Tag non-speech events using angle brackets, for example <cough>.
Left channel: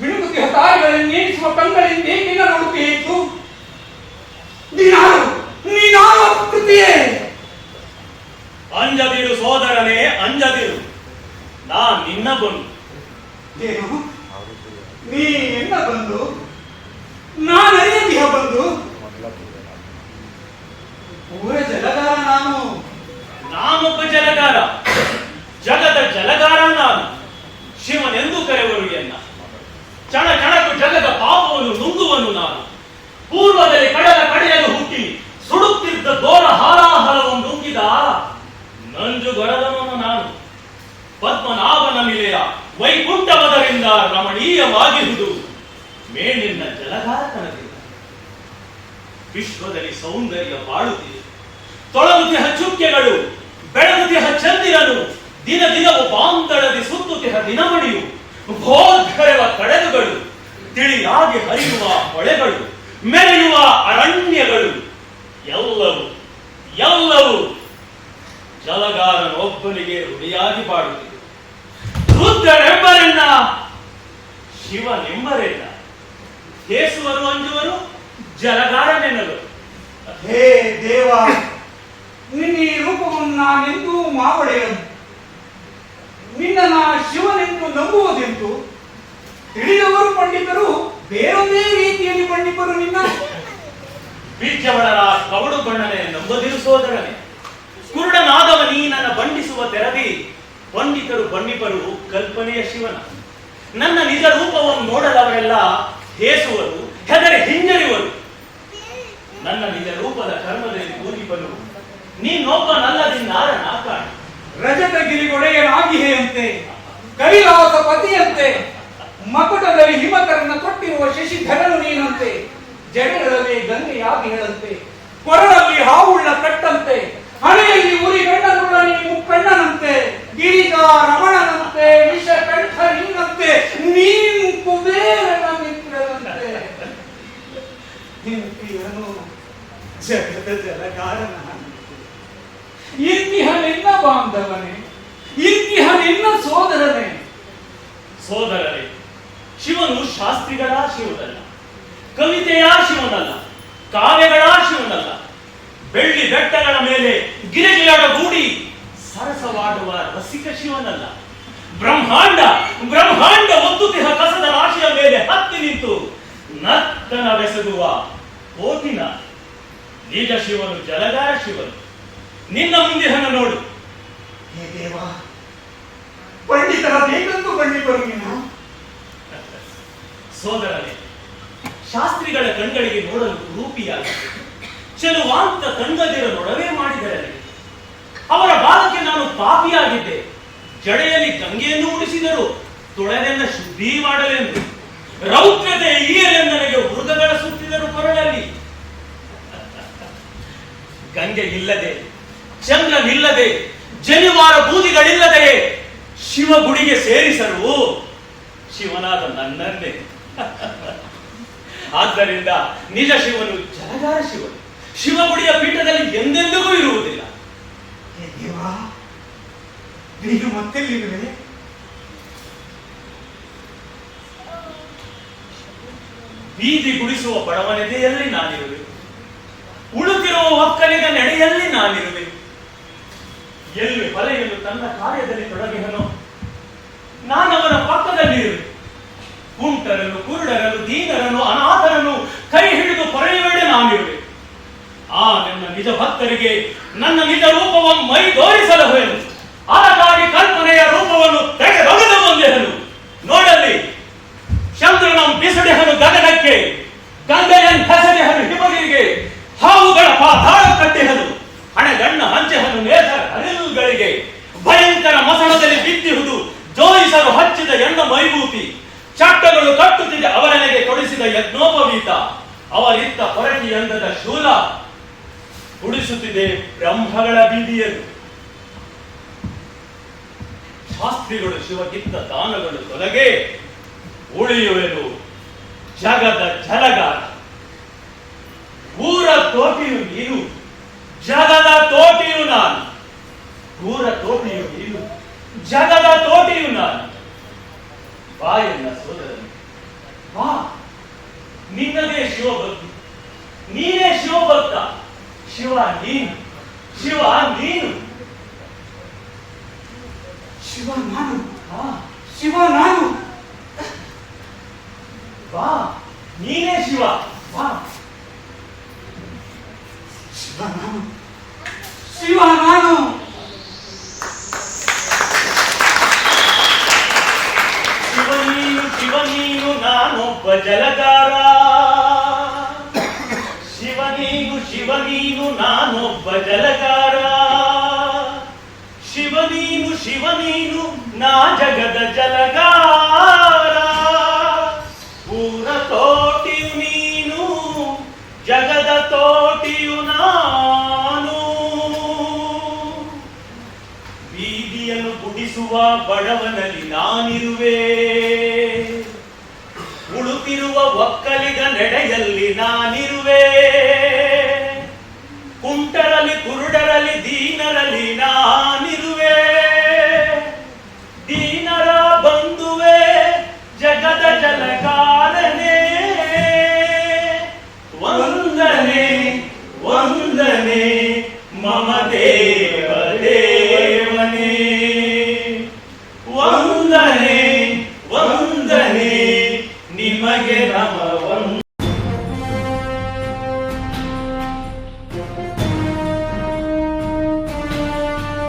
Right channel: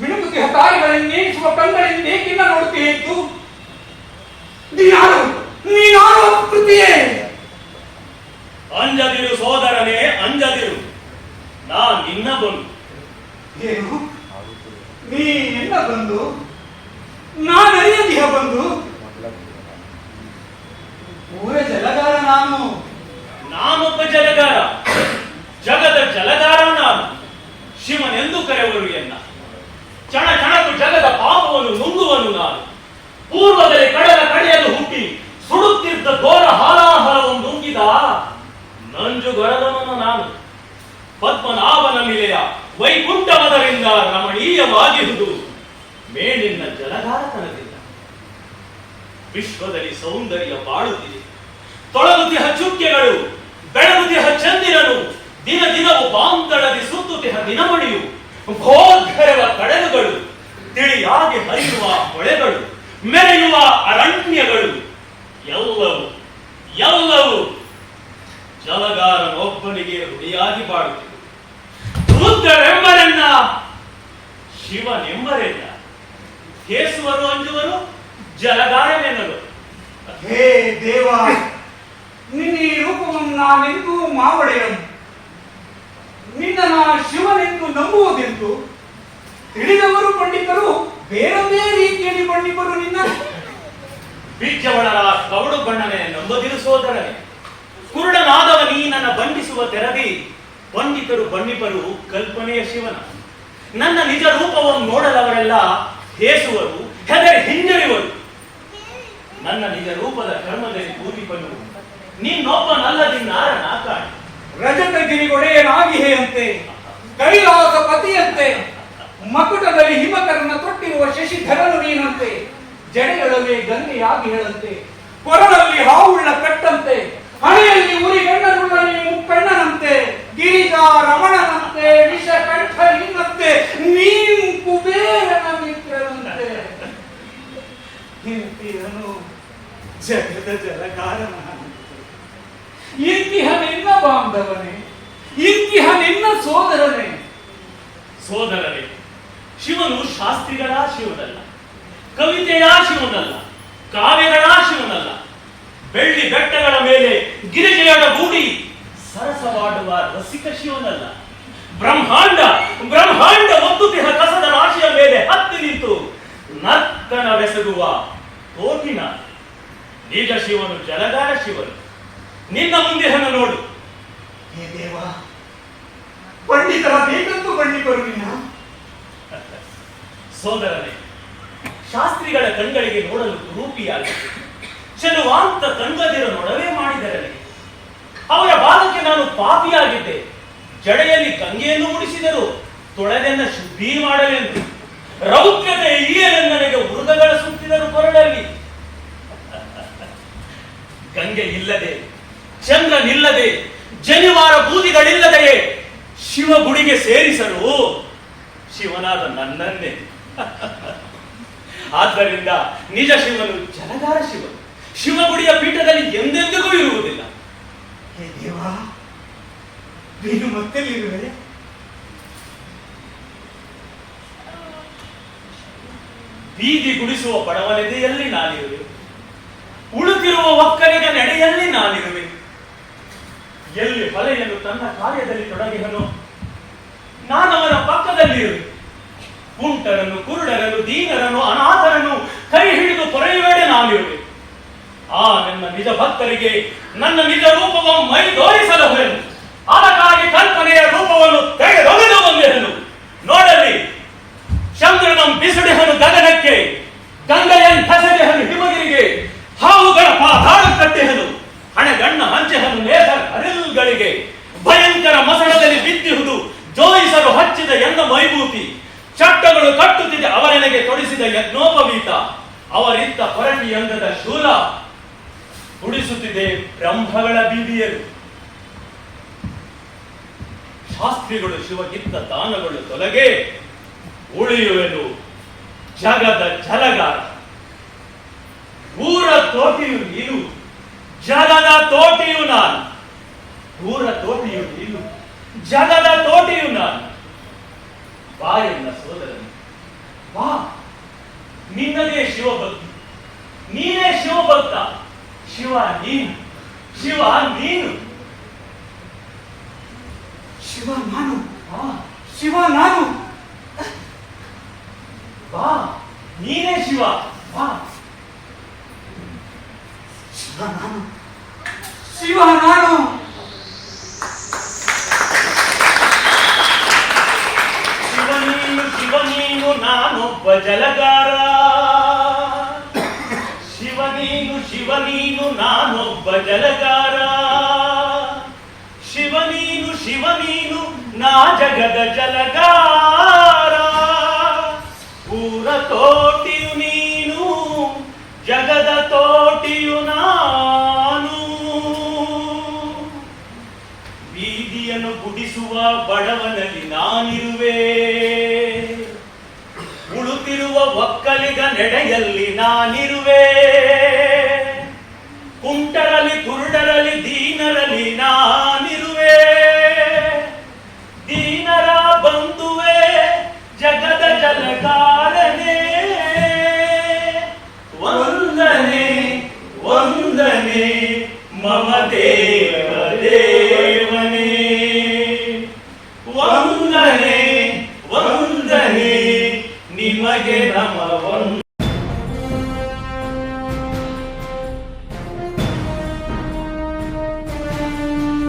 ಮಿಣುಗುತ್ತಿಹ ತಾಯಿಗಳನ್ನೇಸುವ ಕಣ್ಗಳಿಂದ ಏಕಿನ ನೋಡುತ್ತೀಯಿತು ನೀನಾರು ನೀನಾರು ಕೃತಿಯೇ ಅಂಜದಿರು ಸೋದರನೇ ಅಂಜದಿರು ನಾ ನಿನ್ನ ಬಂದು. ಏನು? ನೀ ಎನ್ನ ಬಂದು? ನಾನರಿಯದಿಹ ಬಂದು? ಊರ ಜಲಗಾರ ನಾನು. ನಾನೊಬ್ಬ ಜಲಗಾರ. ನಂಜುಗೊರದನು ನಾನು. ಪದ್ಮನಾಭನ ನಿಲೆಯ ವೈಕುಂಠವದರಿಂದ ರಮಣೀಯವಾಗಿರುವುದು. ಮೇಲಿನ ಜಲಗಾರ ಕಣಗಿಲ್ಲ ವಿಶ್ವದಲ್ಲಿ ಸೌಂದರ್ಯ ಬಾಳುತ್ತಿದೆ. ತೊಳಗುತ್ತಿಹ ಚುಕ್ಕೆಗಳು ಬೆಳಗುತ್ತಿಹ ಚಂದಿರನು, ದಿನ ದಿನವು ಬಾಂತಳದಿ ಸುತ್ತುತ್ತಿಹ ದಿನಮಣಿಯು. ಭೋರ್ಗರೆವ ಕಡಲುಗಳು, ತಿಳಿಯಾಗಿ ಹರಿಯುವ ಹೊಳೆಗಳು, ಮೆರೆಯುವ ಅರಣ್ಯಗಳು, ಎಲ್ಲವೂ ಜಲಗಾರನೊಬ್ಬನಿಗೆ ಋಣಿಯಾಗಿ ಬಾಡುತ್ತಿದೆ ರುದ್ರರೆಂಬರೆನ್ನ ಶಿವನೆಂಬರೆನ್ನ ಕೇಸುವರು ಅಂಜುವರು ಜಲಗಾರನೆನ್ನಲು. ಹೇ ದೇವ ನಿನ್ನ ಈ ರೂಪವನ್ನು ನಾನೆಂದೂ ಮಾವಳೆಯನು. ನಿನ್ನ ನಾ ಶಿವನೆಂದು ನಂಬುವುದೆಂದು ತಿಳಿದವರು ಪಂಡಿತರು ಬೇರೊಂದೇ ರೀತಿಯಲ್ಲಿ ಪಂಡಿತರು ನಿನ್ನ ಬೀಜವಳರ ಕವಡು ಬಣ್ಣನೆ ನಂಬದಿರು ಸೋದರನೆ ಕುರುಡನಾದವ ನೀ ನನ್ನ ಬಂಧಿಸುವ ತೆರದಿ, ಪಂಡಿತರು ಪಂಡಿತರು ಕಲ್ಪನೆಯ ಶಿವನ. ನನ್ನ ನಿಜ ರೂಪವನ್ನು ನೋಡಲವರೆಲ್ಲ ಹೇಸುವರು, ಹೆದರಿ ಹಿಂಜರಿವರು. ನನ್ನ ನಿಜ ರೂಪದ ಕರ್ಮದಲ್ಲಿ ಕೂಲಿಪನು. ನೀನೊಬ್ಬನಲ್ಲದಿನ್ನಾರನ ಕಾಣಿ. ರಜತಗಿರಿಗೊಡೆಯನಾಗಿಹೆಯಂತೆ ಕೈಲಾಸ ಪತಿಯಂತೆ ಮಕುಟದಲ್ಲಿ ಹಿಮಕರನ್ನ ತೊಟ್ಟಿರುವ ಶಶಿಧರನು ನೀನಂತೆ. ಜಡೆಗಳಲ್ಲಿ ಗಂಗೆಯಾಗಿ ಹೇಳಂತೆ. ಕೊರಳಲ್ಲಿ ಹಾವುಳ್ಳ ಕಟ್ಟಂತೆ. ಹಣೆಯಲ್ಲಿ ಉರಿ ನೀ ಮುಕ್ಕಣ್ಣನಂತೆ ಗಿರಿಜ ರಮಣನಂತೆ, ವಿಷ ಕಂಠ ನಿನ್ನಂತೆ ನೀನು ಕುಬೇರನ ಮಿತ್ರನಂತೆ. ಇಂತಿಹನು ಜಗದ ಜಲಕಾರನ ಇಂತಿಹ ನಿನ್ನ ಬಾಂಧವನೇ ಇಂತಿಹ ನಿನ್ನ ಸೋದರನೇ ಸೋದರರೇ ಶಿವನು ಶಾಸ್ತ್ರಿಗಳ ಶಿವನಲ್ಲ, ಕವಿತೆಯ ಶಿವನಲ್ಲ, ಕಾವ್ಯಗಳ ಶಿವನಲ್ಲ ಬೆಳ್ಳಿ ಬೆಟ್ಟಗಳ ಮೇಲೆ ಗಿರಿಗೆಯಡ ಗೂಡಿ ಸರಸವಾಡುವ ರಸಿಕ ಶಿವನಲ್ಲ. ಬ್ರಹ್ಮಾಂಡ ಬ್ರಹ್ಮಾಂಡ ಒಂದು ದೇಹ ಕಸದ ರಾಶಿಯ ಮೇಲೆ ಹತ್ತಿ ನಿಂತು ನರ್ತನ ಬೆಸಗುವ ಕೋತಿನ. ನಿಜ ಶಿವನು ಜಲಗಾರ ಶಿವನು. ನಿನ್ನ ಮುಂದಿಹನ ನೋಡು. ಹೇ ದೇವ ಪಂಡಿತರ ಬೇಕಂತೂ ಪಂಡಿತರು ನೀನು? ಸೋದರನೇ ಶಾಸ್ತ್ರಿಗಳ ಕಣ್ಗಳಿಗೆ ನೋಡಲು ರೂಪಿಯಾಗಿ ಚೆಲುವಾಂತ ತಂಗದಿರ ನೊಡವೆ ಮಾಡಿದರಲ್ಲಿ. ಅವರ ಬಾಲಕ್ಕೆ ನಾನು ಪಾಪಿಯಾಗಿದ್ದೆ. ಜಡೆಯಲ್ಲಿ ಗಂಗೆಯನ್ನು ಉಳಿಸಿದರು ತೊಳೆದನ್ನ ಶುದ್ಧಿ ಮಾಡಲೆಂದು. ರೌದ್ರತೆ ನನಗೆ ಮೃಗಗಳ ಸುತ್ತಿದರು ಕೊರಳಲ್ಲಿ. ಗಂಗೆ ಇಲ್ಲದೆ, ಚಂದ್ರನಿಲ್ಲದೆ, ಜನಿವಾರ ಬೂದಿಗಳಿಲ್ಲದೆಯೇ ಶಿವ ಗುಡಿಗೆ ಸೇರಿಸರು ಶಿವನಾದ ನನ್ನನ್ನೇ. <laughs> ಆದ್ದರಿಂದ ನಿಜ ಶಿವನು ಜಲಗಾರ ಶಿವನು. ಶಿವಗುಡಿಯ ಪೀಠದಲ್ಲಿ ಎಂದೆಂದಿಗೂ ಇರುವುದಿಲ್ಲ. ನೀನು ಮತ್ತೆಲ್ಲಿರುವೆ ಬೀದಿ ಗುಡಿಸುವ ಬಡವನೆದೆಯಲ್ಲಿ ನಾನಿರುವೆ. ಉಳುತ್ತಿರುವ ಒಕ್ಕನಿಗ ನಡೆಯಲ್ಲಿ ನಾನಿರುವೆ. ಎಲ್ಲಿ ಬಲೆಯನ್ನು ತನ್ನ ಕಾರ್ಯದಲ್ಲಿ ತೊಡಗಿಹನು ಪಕ್ಕದಲ್ಲಿ ಇರುವೆ ಕುಂಟರನ್ನು ಕುರುಡರನ್ನು ದೀನರನ್ನು ಅನಾಥರನ್ನು ಕೈ ಹಿಡಿದು ಪೊರೆಯುವೆಡೆ ನಾನಿರುವೆ. ಆ ನನ್ನ ನಿಜ ಭಕ್ತರಿಗೆ ನನ್ನ ನಿಜ ರೂಪವನ್ನು ಮೈ ತೋರಿಸಲಹುವೆನು ಅದಕ್ಕಾಗಿ ಕಲ್ಪನೆಯ ರೂಪವನ್ನು ತೆಗೆದೊಗೆದು ಬಂದೆನು. ನೋಡಲಿ ಚಂದ್ರನಂ ಬಿಸುಡೆಹನು ಗಗನಕ್ಕೆ, ಗಂಗೆಯನ್ ಹೆಸರೆಹನು ಹಿಮಗಿರಿಗೆ, ಹಾವುಗಳ ಪಾತಾಳ ಕಟ್ಟಿಹನು. ಹಣೆಗಣ್ಣ ಹಂಚೆಹನು ನೇಸರ ಹರಿಲುಗಳಿಗೆ ಭಯಂಕರ ಮಸಣದಲ್ಲಿ ಬಿತ್ತಿಹುದು ಜೋಯಿಸರು ಹಚ್ಚಿದ ಎಣ್ಣ ಮೈಭೂತಿ ಚಟ್ಟಗಳು ಕಟ್ಟುತ್ತಿದೆ ಅವರೆನೆಗೆ ತೊಡಿಸಿದ ಯಜ್ಞೋಪವೀತ. ಅವರಿತ್ತ ಹೊರಟಿ ಅಂಗದ ಶೂಲ ಉಡಿಸುತ್ತಿದೆ ಬ್ರಹ್ಮಗಳ ಬೀದಿಯಲ್ಲಿ. ಶಾಸ್ತ್ರಿಗಳು ಶಿವಗಿತ್ತ ದಾನಗಳು ತೊಲಗೆ, ಉಳಿಯುವೆನು ಜಗದ ಜಲಗಾರ ಊರ ತೋಟಿಯು ನೀನು, ಜಗದ ತೋಟಿಯು ನಾನು. ಊರ ತೋಟಿಯು ನೀನು, ಜಗದ ತೋಟಿಯು ನಾನು. ಬಾ ಎನ್ನ ಸೋದರನು, ಬಾ. ನಿನ್ನದೇ ಶಿವಭಕ್ತಿ, ನೀನೇ ಶಿವಭಕ್ತ. ಶಿವ ನೀನು ಶಿವ ನೀನು ಶಿವ ನಾನು ಬಾ ಶಿವ ನಾನು ಬಾ ನೀನೇ ಶಿವ ಬಾ ಶಿವ ನಾನು ಶಿವ ನಾನು ಶಿವ ನೀನು ಶಿವ ನೀನು ನಾನೊಬ್ಬ ಜಲಗಾರ ಶಿವ ನೀನು ನಾ ಜಗದ ಜಲಗಾರ ಊರ ತೋಟಿಯು ನೀನು, ಜಗದ ತೋಟಿಯು ನಾನು. ಬೀದಿಯನ್ನು ಗುಡಿಸುವ ಬಡವನಲ್ಲಿ ನಾನಿರುವೆ. ಉಳುತ್ತಿರುವ ಒಕ್ಕಲಿಗ ನೆಡೆಯಲ್ಲಿ ನಾನಿರುವೆ. وهدى